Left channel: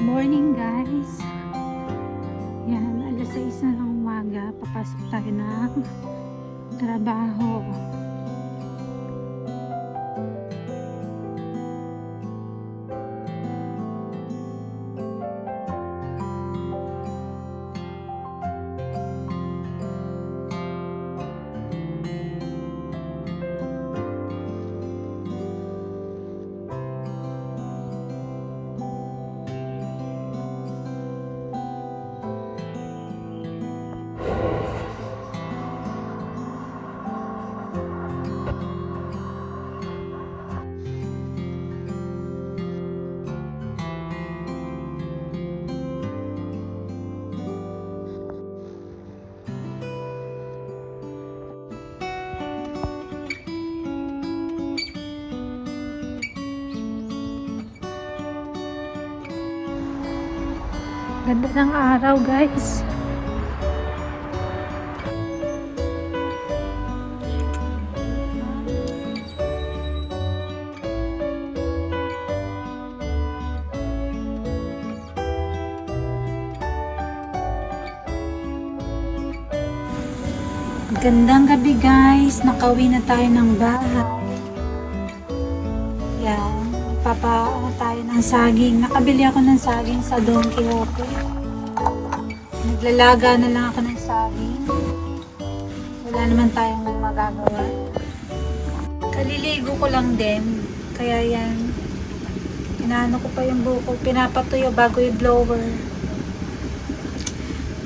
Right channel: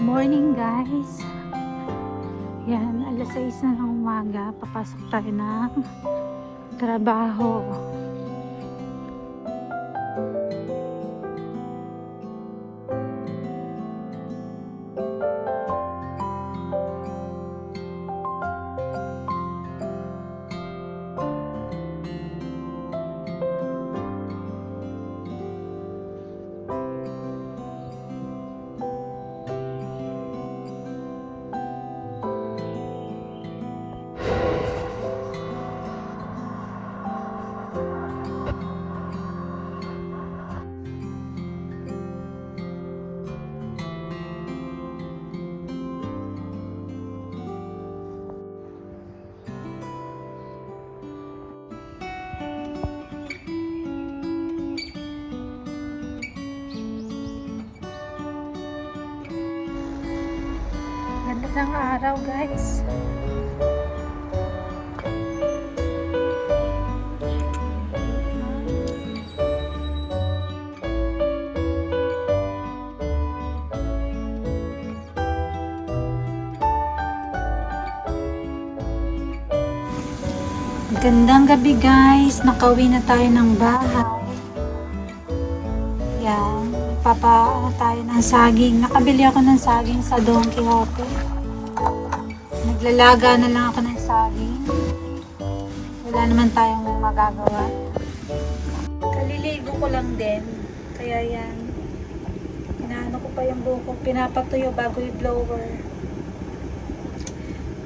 Morning guys. Yan, alas 6 na ng umaga. Papasok tayo na trabaho. Ganda ng araw guys. Gandang gabi guys. Nakauwi na tayo ng bahay. Yan. Papaano tayo ng saging. Nakabili ako ng saging sa Don Quijote. Naglalaga na lang ako ng saging. Wala naman tayong magagawa. Kaliligo ko lang din. Kaya yan. Inaano ko pa yung buhok ko. Pinapatuyo bago yung blower.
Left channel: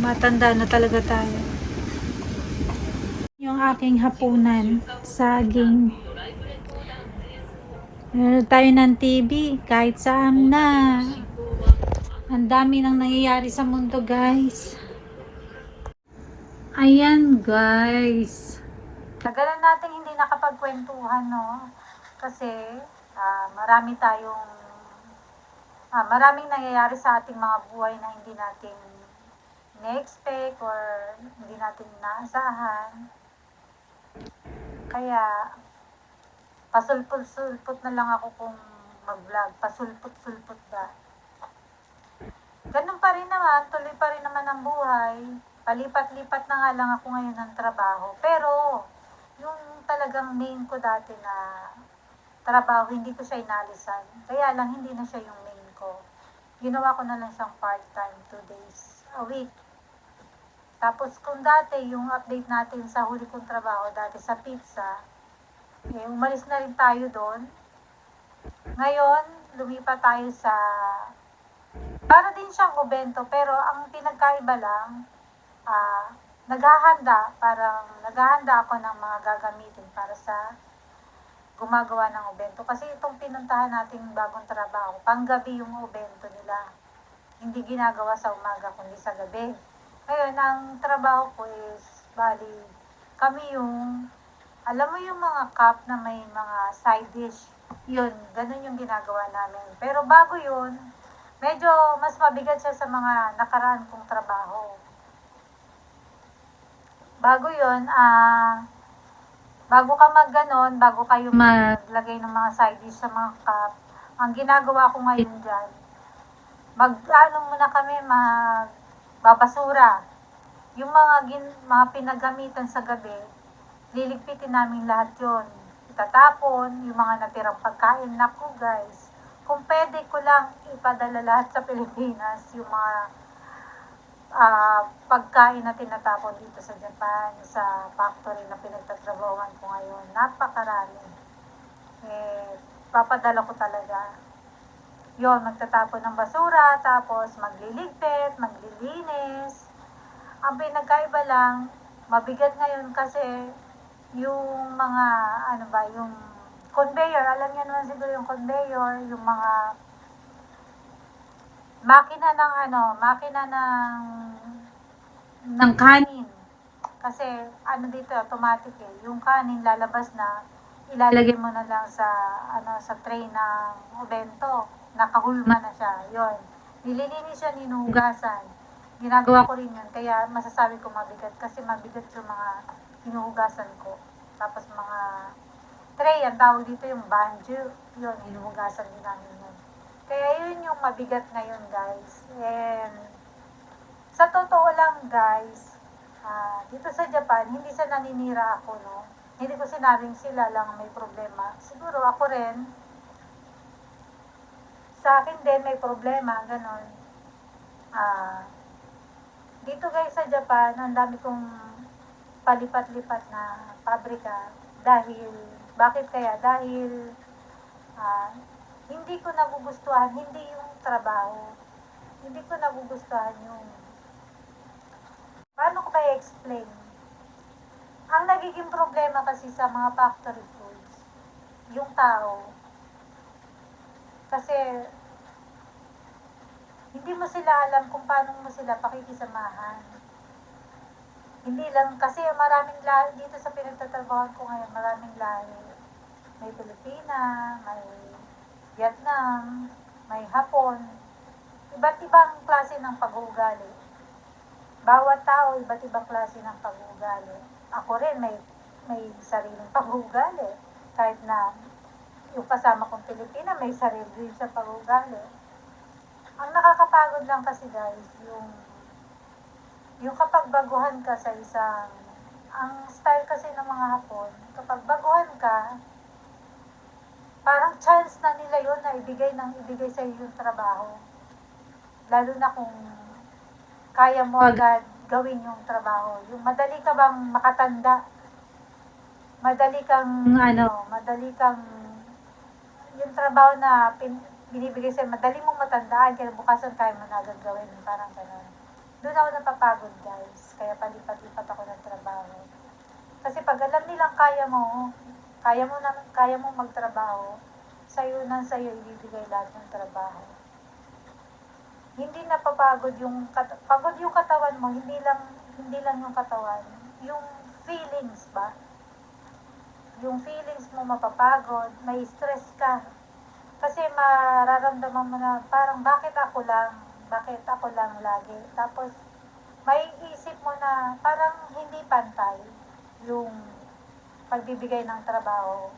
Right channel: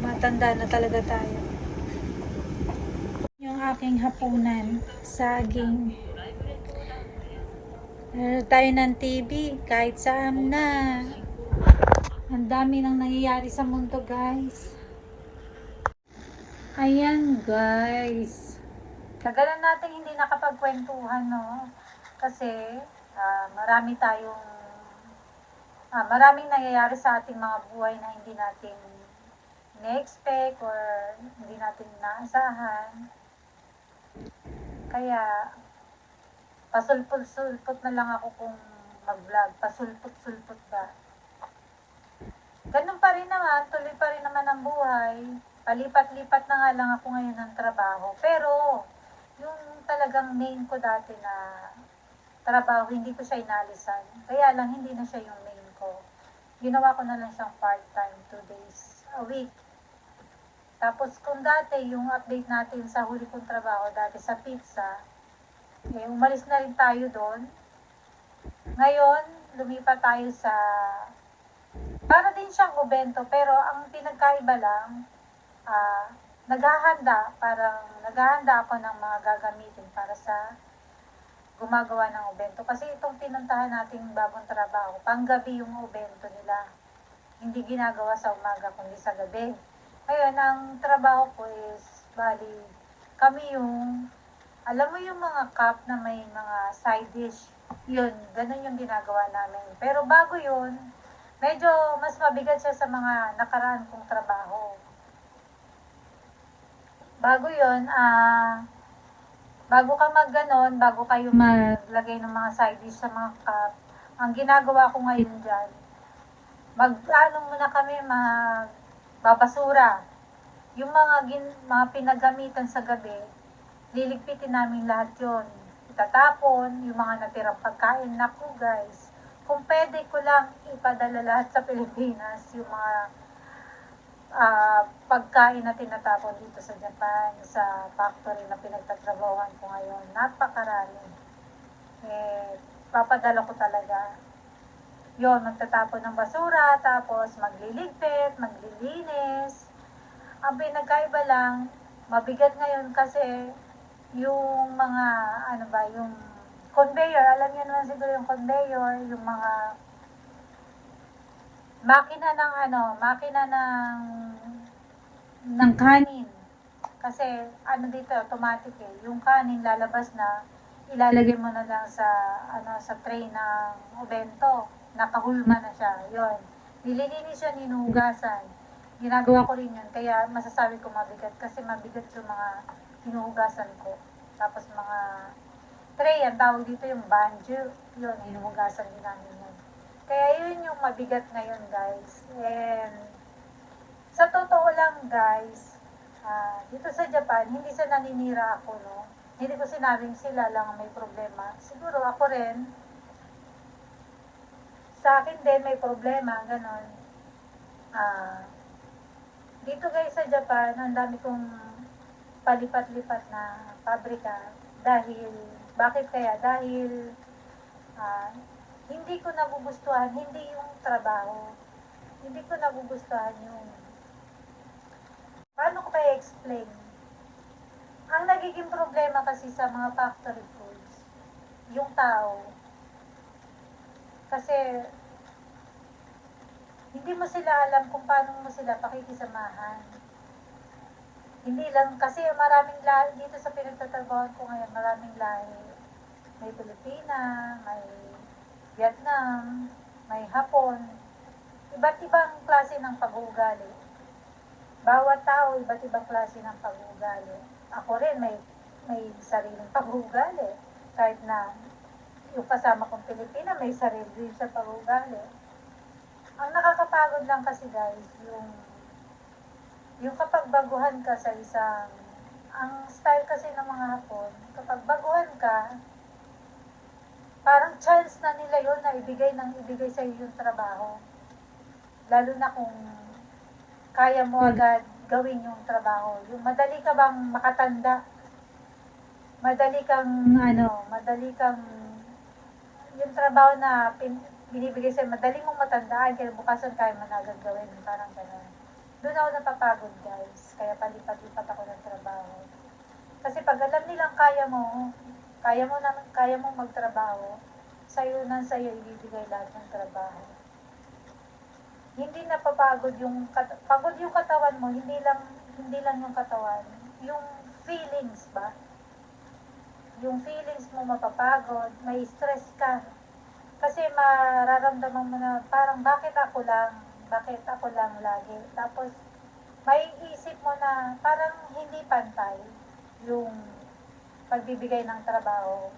Matanda na talaga tayo. Yung aking hapunan. Saging. Meron tayo ng TV, kahit saan na. Ang dami nang nangyayari sa mundo, guys. Ayan, guys. Tagalan natin hindi nakapagkwentuhan, no? Kasi, maraming nangyayari sa ating mga buhay na hindi natin na-expect or hindi natin naasahan. Kaya, pasulpot-sulpot na lang ako kung mag-vlog. Pasulpot-sulpot ba? Ganun pa rin naman. Tuloy pa rin naman ang buhay. Palipat-lipat na nga lang ako ngayon ng trabaho. Pero, yung talagang main ko dati na trabaho, hindi ko siya inalisan. Kaya lang, hindi na siya yung main ko. Ginawa ko na lang siyang part-time, 2 days a week. Tapos, kung dati, yung update natin sa huli kong trabaho, dati sa pizza, umalis na rin tayo doon. Ngayon, lumipat tayo sa para din siyang obento, pero ang pinagkaiba lang, naghahanda ako ng mga gagamitin para sa gumagawa ng obento. Kasi itong pinuntahan nating bagong trabaho, panggabi yung obento nila. Hindi ginagawa sa umaga, kundi sa gabi. Ngayon, ang trabaho ko is, kami yung alam mo yung mga cup na may mga side dish, yun, ganun yung ginagawa namin. Pero bago yun, medyo mas mabigat siya sa mga nakaraan kong trabaho. Bago yun, bago kayo maglagay ng mga side dish sa mga cup, ang ginagawa ko ngayon dyan, muna kami, magbabasura. Yung mga pinagamitan sa gabi, liligpitin namin lahat yun. Itatapon, yung mga natirang pagkain. Naku guys, kung pwede ko lang ipadala lahat sa Pilipinas, yung mga pagkain na tinatapon dito sa Japan, sa factory na pinagtatrabahuan ko ngayon. Napakarami. Papadala ko talaga. Yun, magtatapon ng basura, tapos magliligpit, maglilinis. Ang pinagkaiba lang, mabigat ngayon kasi yung mga, yung conveyor, alam niyo naman siguro yung conveyor, yung mga makina ng kanin. Kasi, dito, automatic yung kanin lalabas na, ilalagay mo na lang sa tray ng obento, nakahulma na siya, yun. Nililinis siya, ninuhugasan. Ginagawa ko rin yun, kaya masasabi ko mabigat, kasi mabigat yung mga hinuhugasan ko. Tapos mga tray, ang tawag dito yung banjo. Yun, hinuhugasan din namin yun. Kaya yun yung mabigat ngayon, guys. And sa totoo lang, guys, dito sa Japan, hindi sa naninira ako, no? Hindi ko sinabing sila lang may problema. Siguro ako rin, sa akin din may problema, ganon. Ah, dito guys sa Japan, ang dami kong palipat-lipat na pabrika. Bakit kaya? Dahil hindi ko nagugustuhan, hindi yung trabaho. Hindi ko nagugustuhan yung, paano ko ba i-explain? Ang nagiging problema kasi sa mga factory foods, yung tao. Kasi, hindi mo sila alam kung paano mo sila pakikisamahan. Hindi lang, kasi maraming lahi, dito sa pinagtatrabahoan ko ngayon, maraming lahi. May Pilipina, may Vietnam, may Hapon, iba't ibang klase ng pag-uugali. Bawat tao, iba't ibang klase ng pag-uugali. Ako rin, may sariling pag-uugali. Kahit na yung kasama kong Pilipina, may sarili din siya pag-uugali. Ang nakakapagod lang kasi guys, yung kapag baguhan ka sa isang, ang style kasi ng mga Hapon, kapag baguhan ka, parang chance na nila yun na ibigay sa iyo yung trabaho. Lalo na kung kaya mo agad gawin yung trabaho. Yung madali ka bang makatanda? Madali kang yung trabaho na binibigay sa'yo, madali mong matandaan, kaya bukasan kaya mo na agad gawin, parang gano'n. Doon ako napapagod guys, kaya palipat-lipat ako ng trabaho. Kasi pag alam nilang kaya mo magtrabaho, sa'yo ibibigay lahat ng trabaho. Hindi napapagod pagod yung katawan mo, hindi lang yung katawan, yung feelings ba? Yung feelings mo mapapagod, may stress ka. Kasi mararamdaman mo na parang bakit ako lang lagi. Tapos may isip mo na parang hindi pantay yung pagbibigay ng trabaho.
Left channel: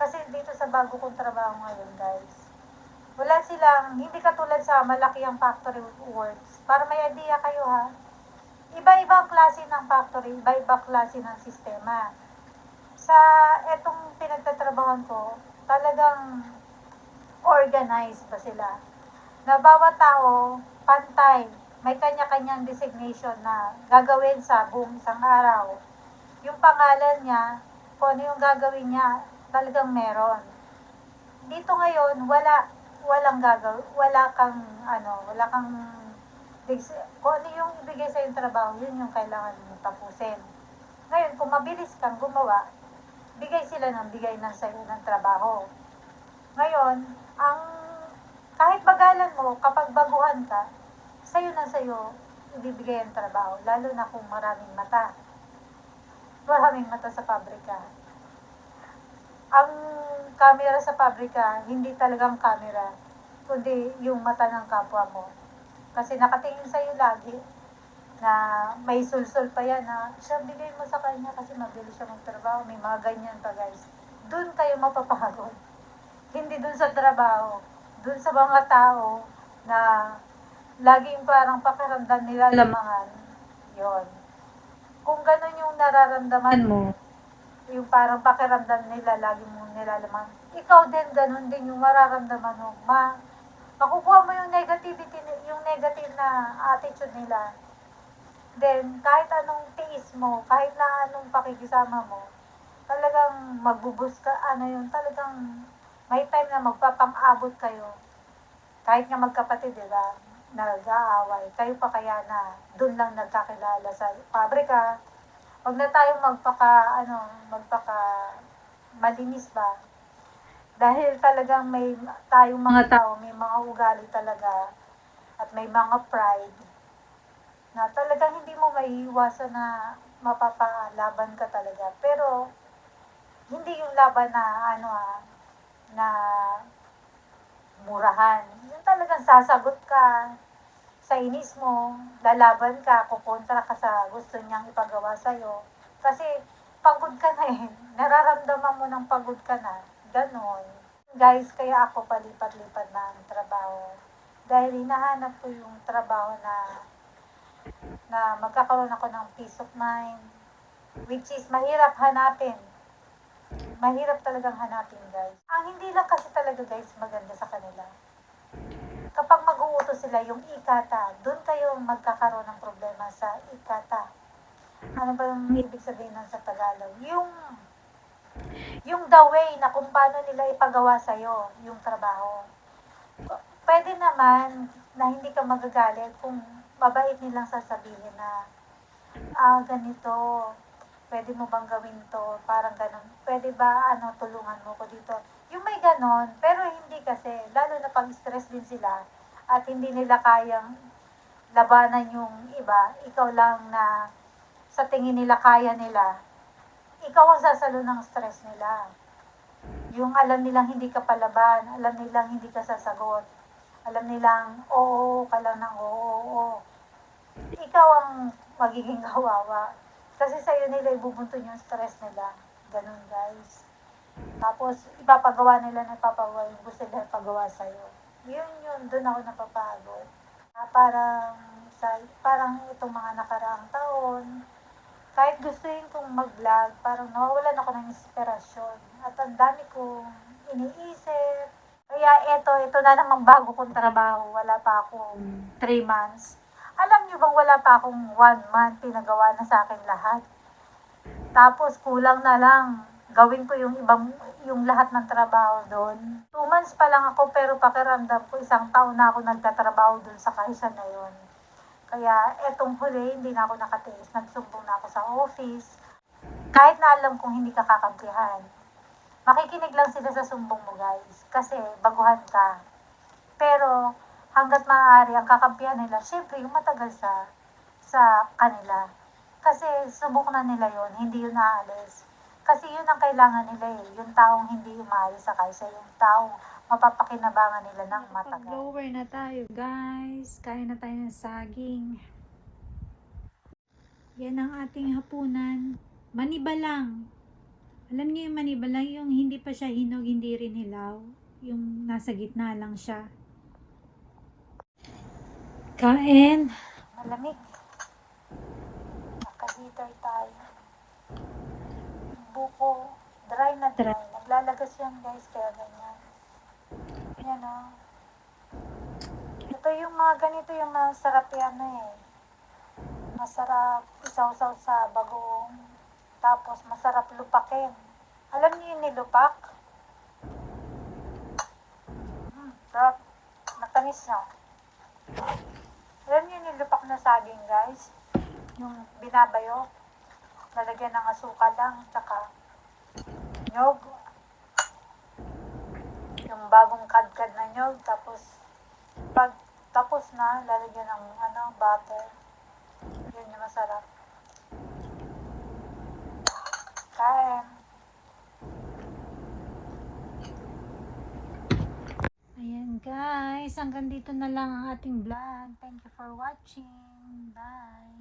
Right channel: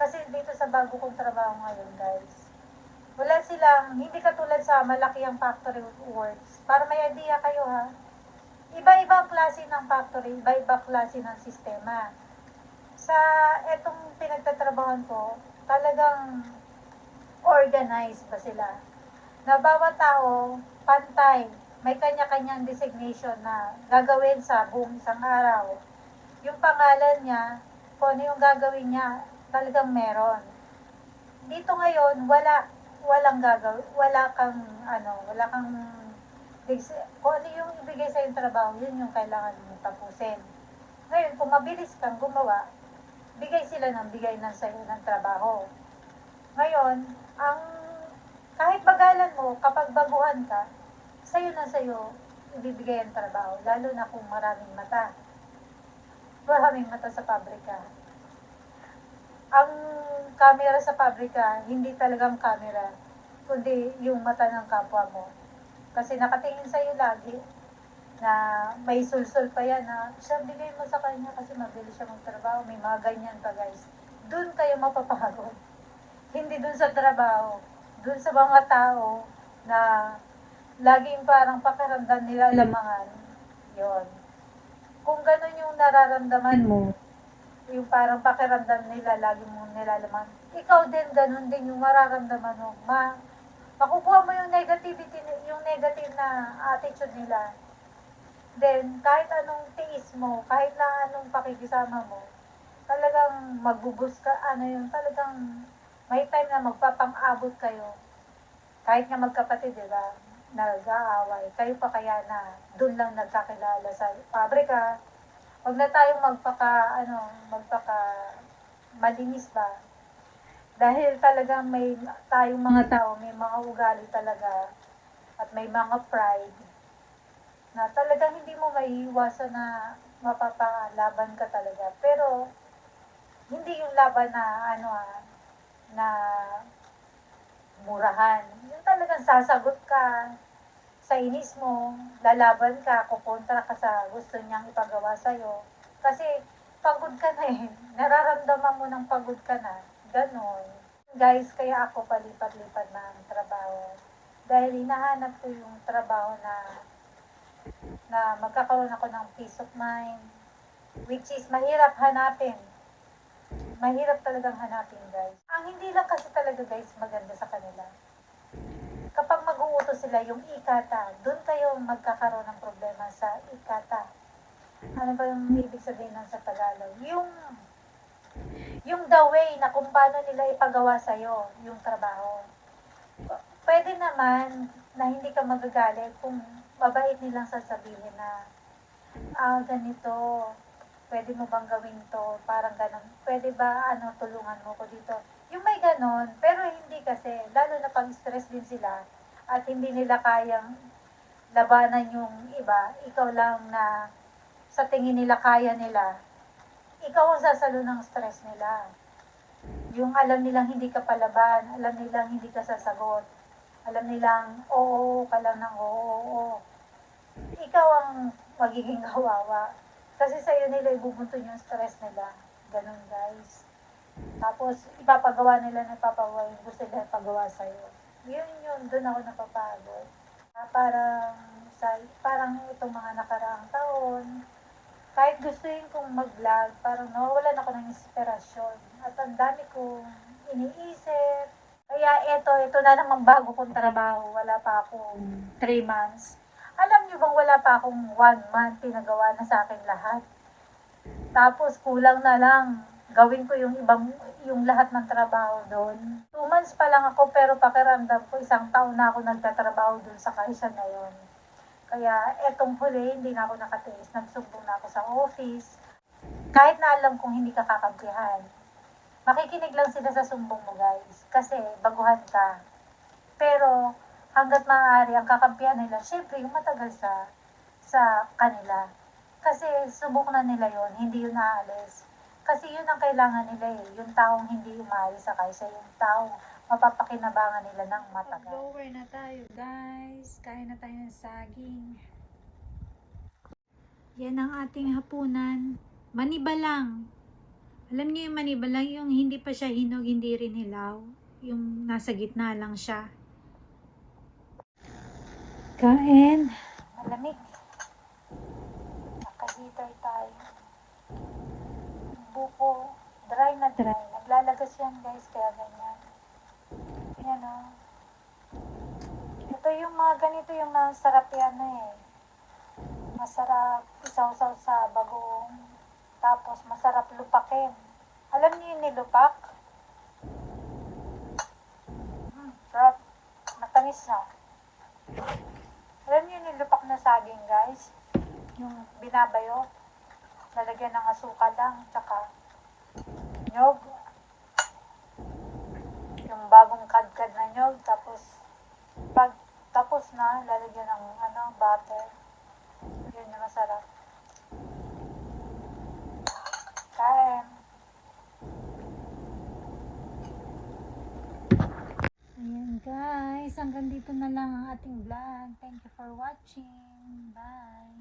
Kasi dito sa bago kong trabaho ngayon guys, hindi katulad sa malakihang factory works. Para may idea kayo ha, iba-ibang klase ng factory, iba-ibang klase ng sistema. Sa etong pinagtatrabahan ko, talagang organized ba sila? Na bawat tao, pantay, may kanya-kanyang designation na gagawin sa buong isang araw. Yung pangalan niya, kung ano yung gagawin niya, talagang meron. Dito ngayon, wala kang kung ano yung ibigay sa yung trabaho, yun yung kailangan mong tapusin. Ngayon, kung mabilis kang gumawa, bigay ng sa'yo ng trabaho. Ngayon, kahit bagalan mo, kapag baguhan ka, sa'yo ibibigay ang trabaho, lalo na kung maraming mata sa pabrika. Ang camera sa pabrika, hindi talagang camera, kundi yung mata ng kapwa mo. Kasi nakatingin sa'yo lagi, na may sulsul pa yan na siya, bigay mo sa kanya kasi mabilis siya magtrabaho. May mga ganyan pa guys. Doon kayo mapapagod. Hindi doon sa trabaho. Doon sa mga tao na laging parang pakiramdam nila lamangan. Yon. Kung ganun yung nararamdaman mo, yung parang pakiramdam nila lagi mong nilalaman, ikaw din ganun din yung mararamdaman mo. Makukuha mo yung negative na attitude nila. Then, kahit anong tiis mo, kahit na anong pakikisama mo, talagang talagang may time na magpapang-abot kayo. Kahit nga magkapatid, di ba? Nag-aaway. Kayo pa kaya na dun lang nagkakilala sa pabrika. Huwag na tayong malinis ba? Dahil talagang tayong mga tao, may mga ugali talaga, at may mga pride, na talagang hindi mo maiiwasan na mapapalaban ka talaga. Pero, hindi yung laban na murahan. Yung talagang sasagot ka sa inis mo, lalaban ka, kukontra ka sa gusto niyang ipagawa sa'yo. Kasi, pagod ka na eh. Nararamdaman mo ng pagod ka na. Ganon. Guys, kaya ako palipat-lipat ng trabaho. Dahil hinahanap ko yung trabaho na magkakaroon ako ng peace of mind. Which is mahirap hanapin. Mahirap talagang hanapin, guys. Ang hindi lang kasi talaga, guys, maganda sa kanila. Kapag mag-uutos sila yung ikata, doon kayo magkakaroon ng problema sa ikata. Ano ba yung ibig sabihin nun sa Tagalog? Yung the way na kung paano nila ipagawa sa'yo yung trabaho. Pwede naman na hindi ka magagalit kung mabait nilang sasabihin na, ganito, pwede mo bang gawin to, parang ganon, pwede ba, tulungan mo ko dito. Yung may ganon, pero hindi kasi, lalo na pag stress din sila, at hindi nila kayang labanan yung iba, ikaw lang na sa tingin nila kaya nila, ikaw ang sasalo ng stress nila. Yung alam nilang hindi ka palaban, alam nilang hindi ka sasagot, alam nilang oo ka lang ng oo. Ikaw ang magiging kawawa. Kasi sa'yo nila ibubunton yung stress nila. Ganun, guys. Tapos, ipapagawa nila na ipapagawa yung gusto nila ipagawa sa'yo. Yun, doon ako napapagod. Parang itong mga nakaraang taon, kahit gustuin kong mag-vlog, parang nawawalan ako ng inspirasyon. At ang dami kong iniisip. Kaya ito na namang bago kong trabaho. Wala pa akong 3 months. Alam niyo bang wala pa akong 1 month, pinagawa na sa akin lahat. Tapos kulang na lang, gawin ko yung lahat ng trabaho doon. 2 months pa lang ako pero pakiramdam ko 1 taon na ako nagtatrabaho doon sa kaisan na yon. Kaya etong huli, hindi na ako nakatiis. Nagsumbong na ako sa office. Kahit na alam kong hindi ka kakampihan. Makikinig lang sila sa sumbong mo, guys. Kasi baguhan ka. Pero hanggat maaari ang kakampihan nila, syempre yung matagal sa kanila. Kasi subok na nila yon, hindi yun naalis. Kasi yun ang kailangan nila eh, yung taong hindi umalis sa kaysa yung taong mapapakinabangan nila ng matagal. Mag-blower na tayo, guys. Kain na tayo ng saging. Yan ang ating hapunan. Maniba lang. Alam niyo yung maniba lang, yung hindi pa siya hinog, hindi rin hilaw. Yung nasa gitna lang siya. Kain. Malamig. Naka-heater tayo. Buko. Dry na dry. Naglalagas yan, guys, kaya ganyan. Yan o. Ito yung mga ganito yung masarap yan eh. Masarap isaw-saw sa bagoong. Tapos masarap lupakin. Alam niyo yung nilupak? Sarap. Matamis na. Alam niyo yung nilupak na saging, guys? Yung binabayo. Lalagyan ng asukal lang. Tsaka nyog. Yung bagong kadkad na nyog. Tapos pag tapos na, lalagyan ng butter. Yun yung masarap. Kain. Ayan guys, hanggang dito na lang ang ating vlog. Thank you for watching. Bye!